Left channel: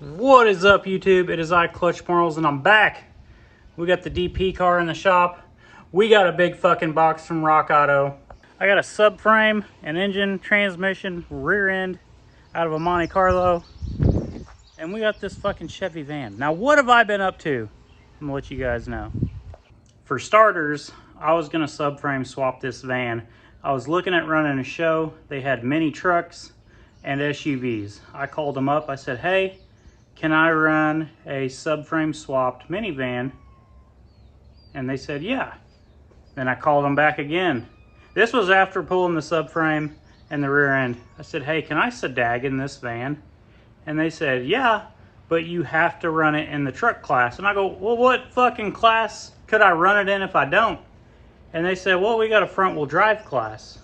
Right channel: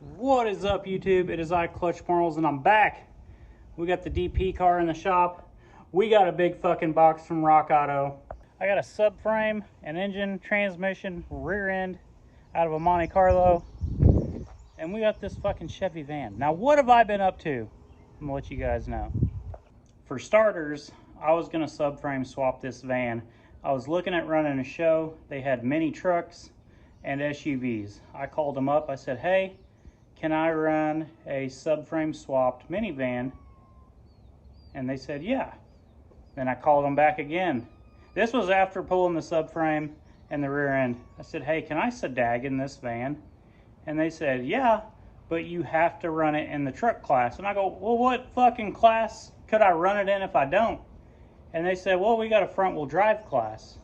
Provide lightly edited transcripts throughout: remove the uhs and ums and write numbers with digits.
What is up, YouTube? It is I, Clutch Marles, and I'm back. We got the DP car in the shop. We got a big fucking box from Rock Auto. I got a subframe, an engine, transmission, rear end out of a Monte Carlo. And we got this fucking Chevy van. Now, what have I been up to? I'm gonna let you guys know. For starters, I was gonna subframe swap this van. I was looking at running a show. They had mini trucks and SUVs. I called them up. I said, hey, can I run a subframe swapped minivan? And they said, yeah. Then I called them back again. This was after pulling the subframe and the rear end. I said, hey, can I sedag in this van? And they said, yeah, but you have to run it in the truck class. And I go, well, what fucking class could I run it in if I don't? And they said, well, we got a front wheel drive class.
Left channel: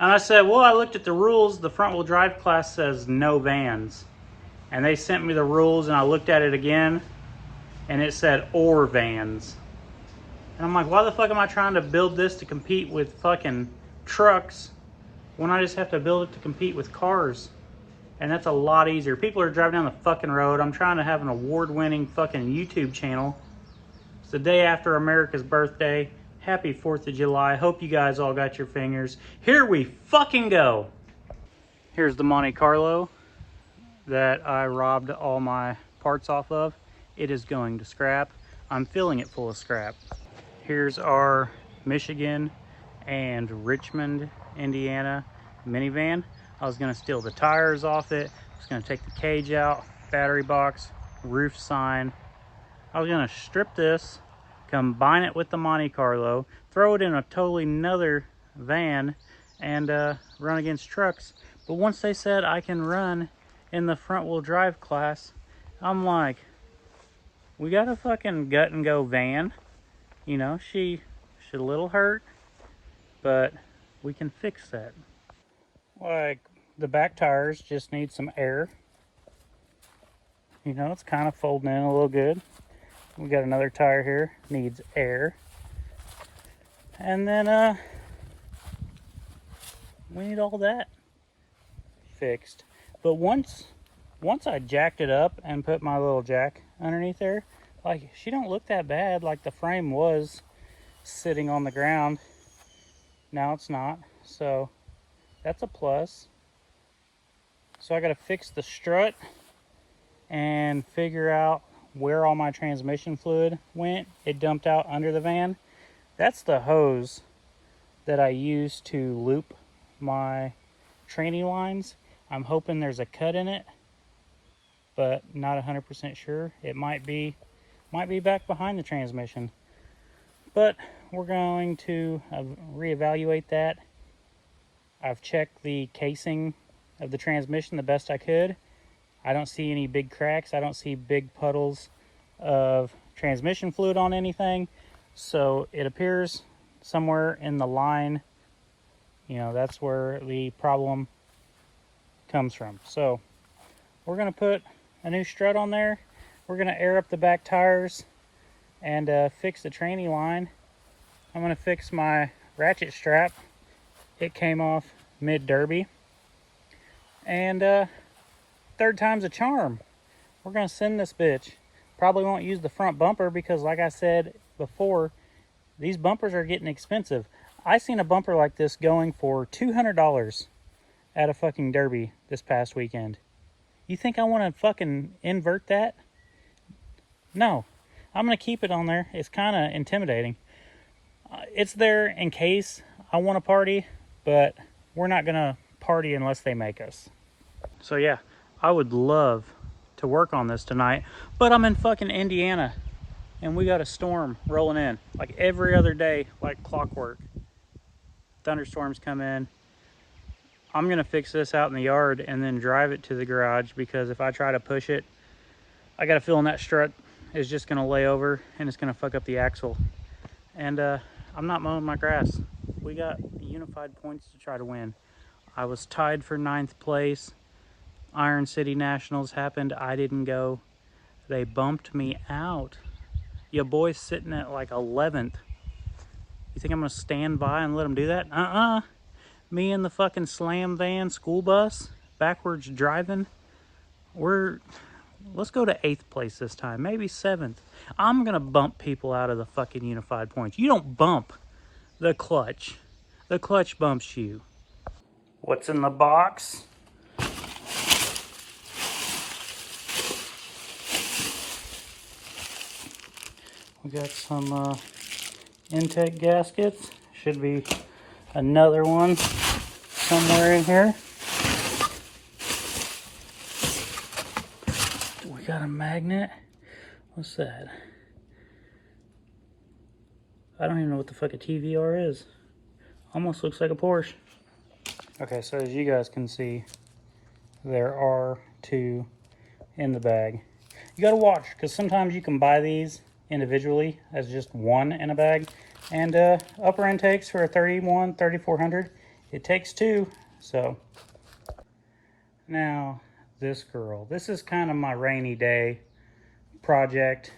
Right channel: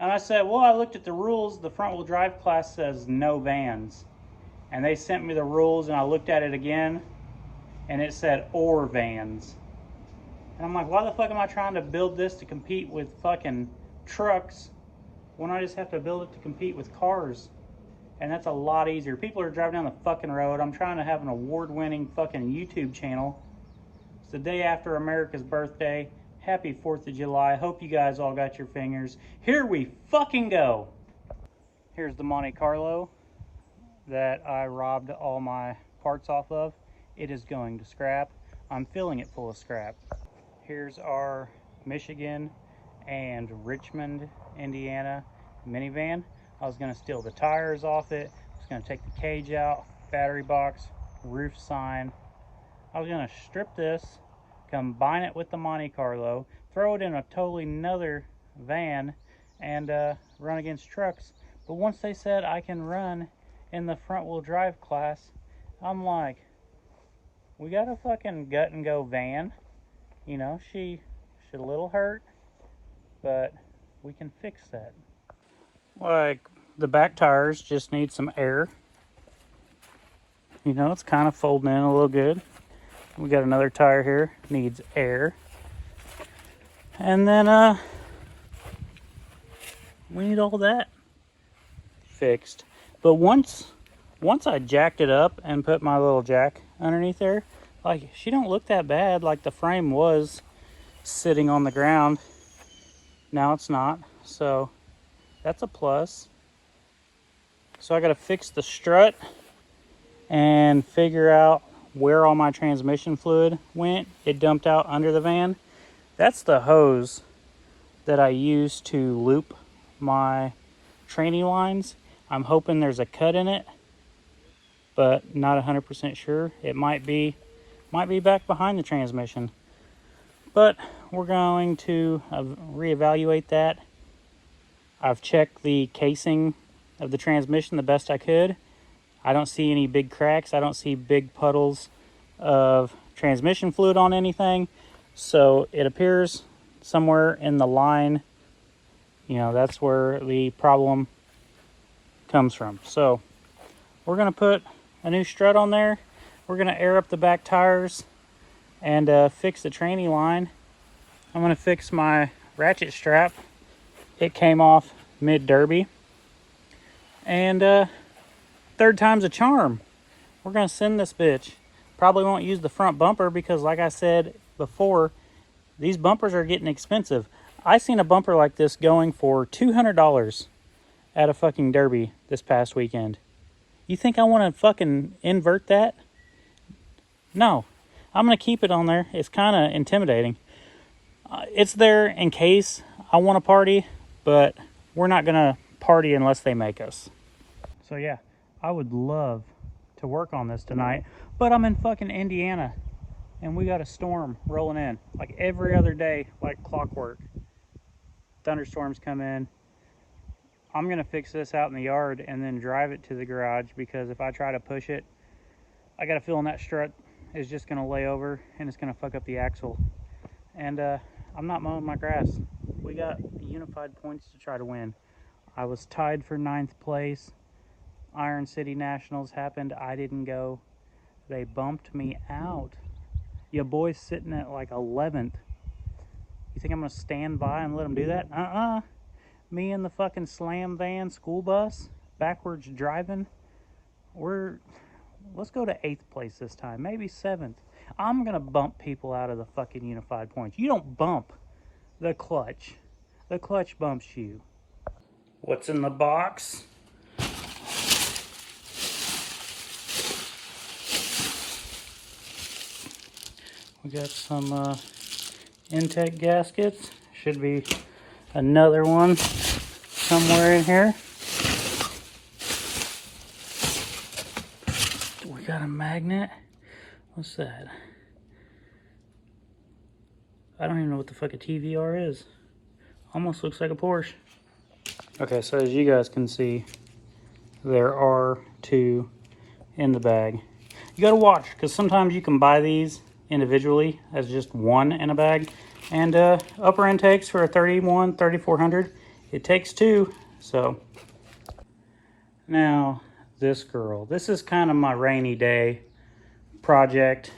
And I said, well, I looked at the rules. The front wheel drive class says no vans. And they sent me the rules and I looked at it again and it said or vans. And I'm like, why the fuck am I trying to build this to compete with fucking trucks when I just have to build it to compete with cars? And that's a lot easier. People are driving down the fucking road. I'm trying to have an award-winning fucking YouTube channel. It's the day after America's birthday. Happy 4th of July. Hope you guys all got your fingers. Here we fucking go. Here's the Monte Carlo that I robbed all my parts off of. It is going to scrap. I'm filling it full of scrap. Here's our Michigan and Richmond, Indiana minivan. I was gonna steal the tires off it. I was gonna take the cage out, battery box, roof sign. I was gonna strip this, combine it with the Monte Carlo, throw it in a totally another van and run against trucks. But once they said I can run in the front wheel drive class, I'm like, we got a fucking gut and go van. You know, she's a little hurt, but we can fix that. Like, the back tires just need some air. You know, it's kind of folding in a little good. We got another tire here, needs air. And then, we need all that fixed. But once I jacked it up and put my little jack underneath there, like, she don't look that bad. Like, the frame was sitting on the ground. Now it's not, so that's a plus. So I gotta fix the strut and figure out where all my transmission fluid went. It dumped out under the van. That's the hose that I use to loop my training lines. I'm hoping there's a cut in it, but not 100% sure. It might be back behind the transmission. But we're going to reevaluate that. I've checked the casing of the transmission the best I could. I don't see any big cracks. I don't see big puddles of transmission fluid on anything. So it appears somewhere in the line, you know, that's where the problem comes from. So we're gonna put a new strut on there. We're gonna air up the back tires and fix the tranny line. I'm gonna fix my ratchet strap. It came off mid-derby. And third time's a charm. We're gonna send this bitch. Probably won't use the front bumper because, like I said before, these bumpers are getting expensive. I seen a bumper like this going for $200 at a fucking derby this past weekend. You think I want to fucking invert that? No. I'm gonna keep it on there. It's kind of intimidating. It's there in case I want to party, but we're not gonna party unless they make us. So yeah, I would love to work on this tonight, but I'm in fucking Indiana and we got a storm rolling in like every other day, like clockwork. Thunderstorms come in. I'm gonna fix this out in the yard and then drive it to the garage, because if I try to push it, I got a feeling that strut is just gonna lay over and it's gonna fuck up the axle. And I'm not mowing my grass. We got unified points to try to win. I was tied for 9th place. Iron City Nationals happened. I didn't go. They bumped me out. Your boy's sitting at like 11th. You think I'm gonna stand by and let them do that? Me and the fucking slam van school bus backwards driving. We're Let's go to 8th place this time, maybe 7th. I'm gonna bump people out of the fucking unified points. You don't bump the clutch. The clutch bumps you. What's in the box? We got some intake gaskets. Should be another one somewhere in here. We got a magnet. What's that? I don't even know what the fuck a TVR is. Almost looks like a Porsche. Okay, so as you guys can see, there are 2 in the bag. You gotta watch, because sometimes you can buy these individually as just one in a bag. And upper intakes for a 3400, it takes 2. So now this girl, this is kind of my rainy day project.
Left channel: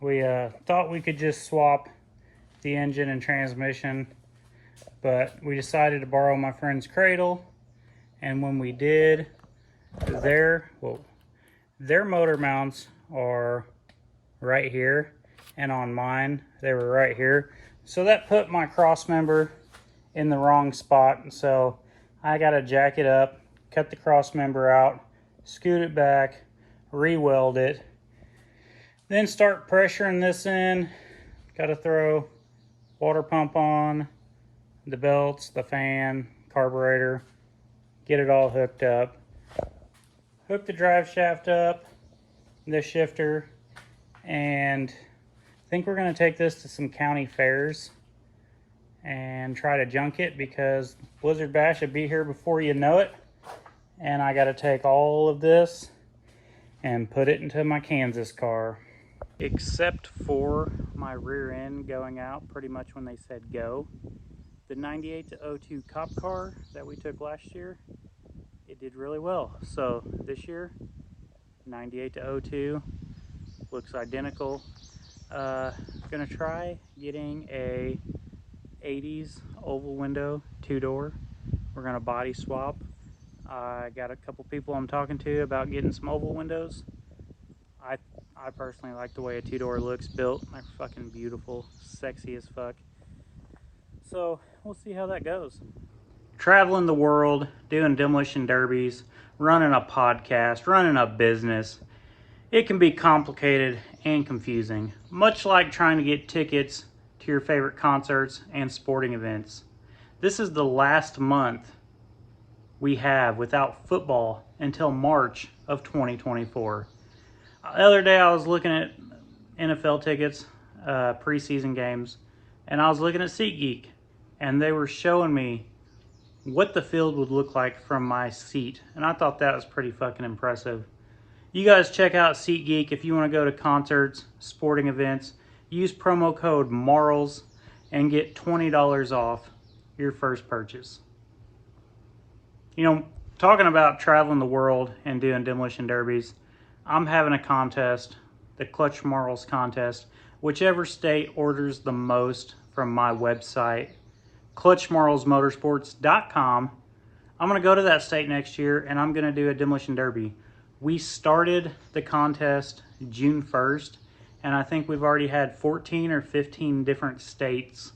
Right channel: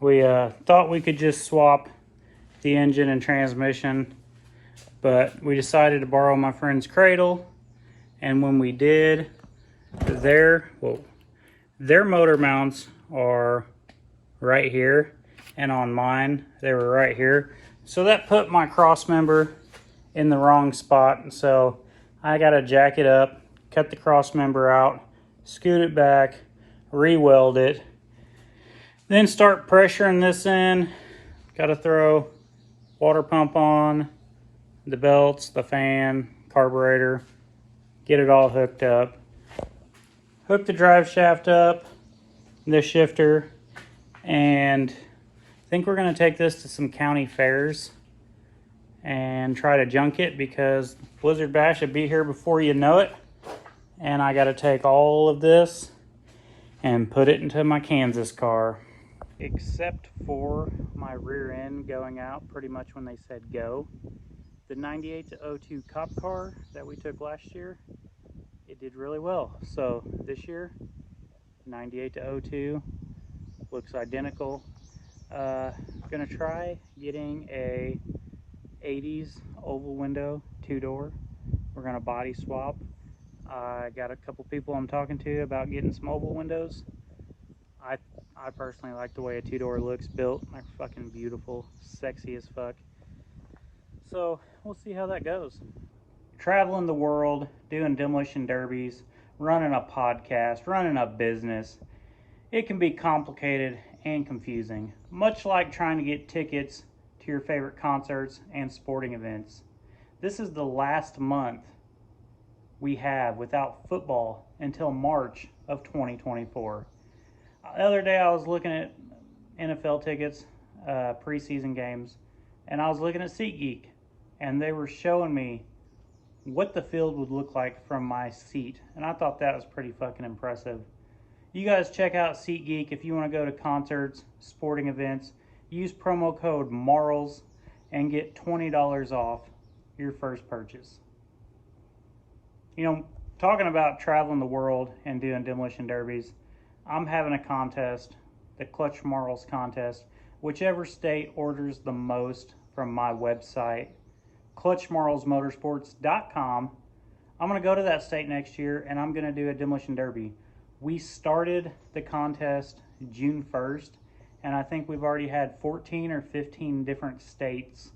We thought we could just swap the engine and transmission, but we decided to borrow my friend's Cradle. And when we did, their motor mounts are right here, and on mine they were right here, so that put my cross member in the wrong spot. So I gotta jack it up, cut the cross member out, scoot it back, re-weld it, then start pressuring this in. Gotta throw water pump on, the belts, the fan, carburetor, get it all hooked up, hook the drive shaft up, the shifter, and I think we're gonna take this to some county fairs and try to junk it, because Blizzard Bash will be here before you know it. And I gotta take all of this and put it into my Kansas car. Except for my rear end going out pretty much when they said go. The 98 to 02 cop car that we took last year, it did really well. So this year, 98 to 02, looks identical. Gonna try getting a 80s oval window 2-door. We're gonna body swap. I got a couple people I'm talking to about getting some oval windows. I personally like the way a 2-door looks built. They're fucking beautiful, sexy as fuck. So we'll see how that goes. Traveling the world, doing demolition derbies, running a podcast, running a business, it can be complicated and confusing, much like trying to get tickets to your favorite concerts and sporting events. This is the last month we have without football until March of 2024. The other day I was looking at NFL tickets, preseason games, and I was looking at SeatGeek, and they were showing me what the field would look like from my seat, and I thought that was pretty fucking impressive. You guys check out SeatGeek if you want to go to concerts, sporting events. Use promo code Marles and get $20 off your first purchase. You know, talking about traveling the world and doing demolition derbies, I'm having a contest, the clutchmarles contest. Whichever state orders the most from my website, clutchmarlesmotorsports.com, I'm going to go to that state next year and I'm going to do a demolition derby. We started the contest June 1st, and I think we've already had 14 or 15 different states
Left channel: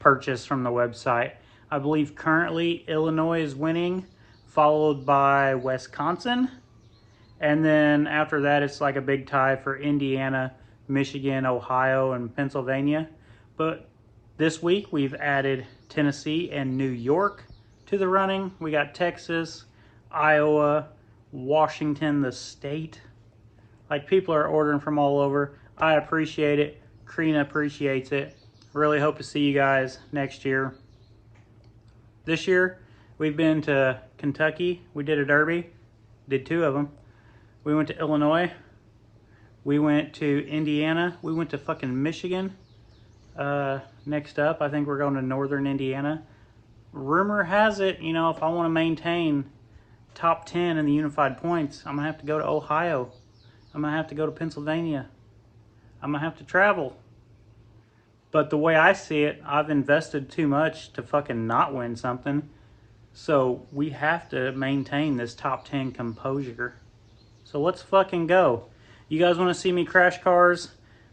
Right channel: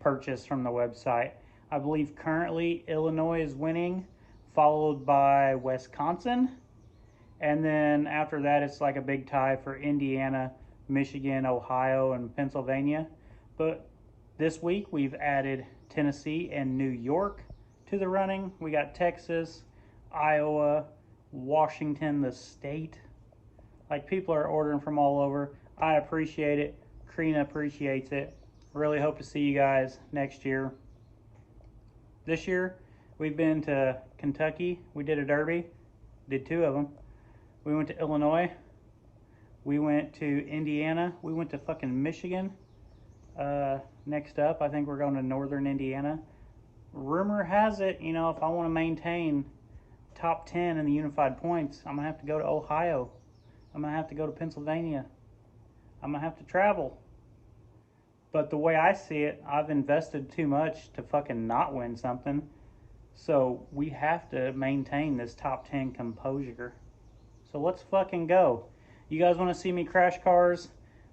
purchase from the website. I believe currently Illinois is winning, followed by Wisconsin. And then after that, it's like a big tie for Indiana, Michigan, Ohio, and Pennsylvania. But this week, we've added Tennessee and New York to the running. We got Texas, Iowa, Washington, the state. Like, people are ordering from all over. I appreciate it. Karina appreciates it. Really hope to see you guys next year. This year, we've been to Kentucky. We did a derby. Did 2 of them. We went to Illinois. We went to Indiana. We went to fucking Michigan. Next up, I think we're going to northern Indiana. Rumor has it, you know, if I want to maintain top 10 in the unified points, I'm going to have to go to Ohio. I'm going to have to go to Pennsylvania. I'm going to have to travel. But the way I see it, I've invested too much to fucking not win something. So we have to maintain this top 10 composure. So let's fucking go. You guys want to see me crash cars?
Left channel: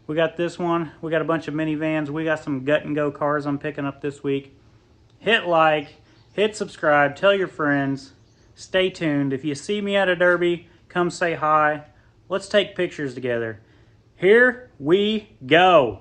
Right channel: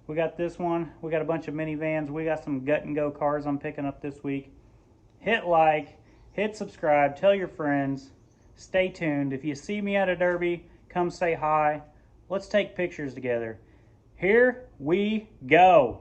We got this one. We got a bunch of minivans. We got some gut and go cars I'm picking up this week. Hit like, hit subscribe, tell your friends. Stay tuned. If you see me at a derby, come say hi. Let's take pictures together. Here we go.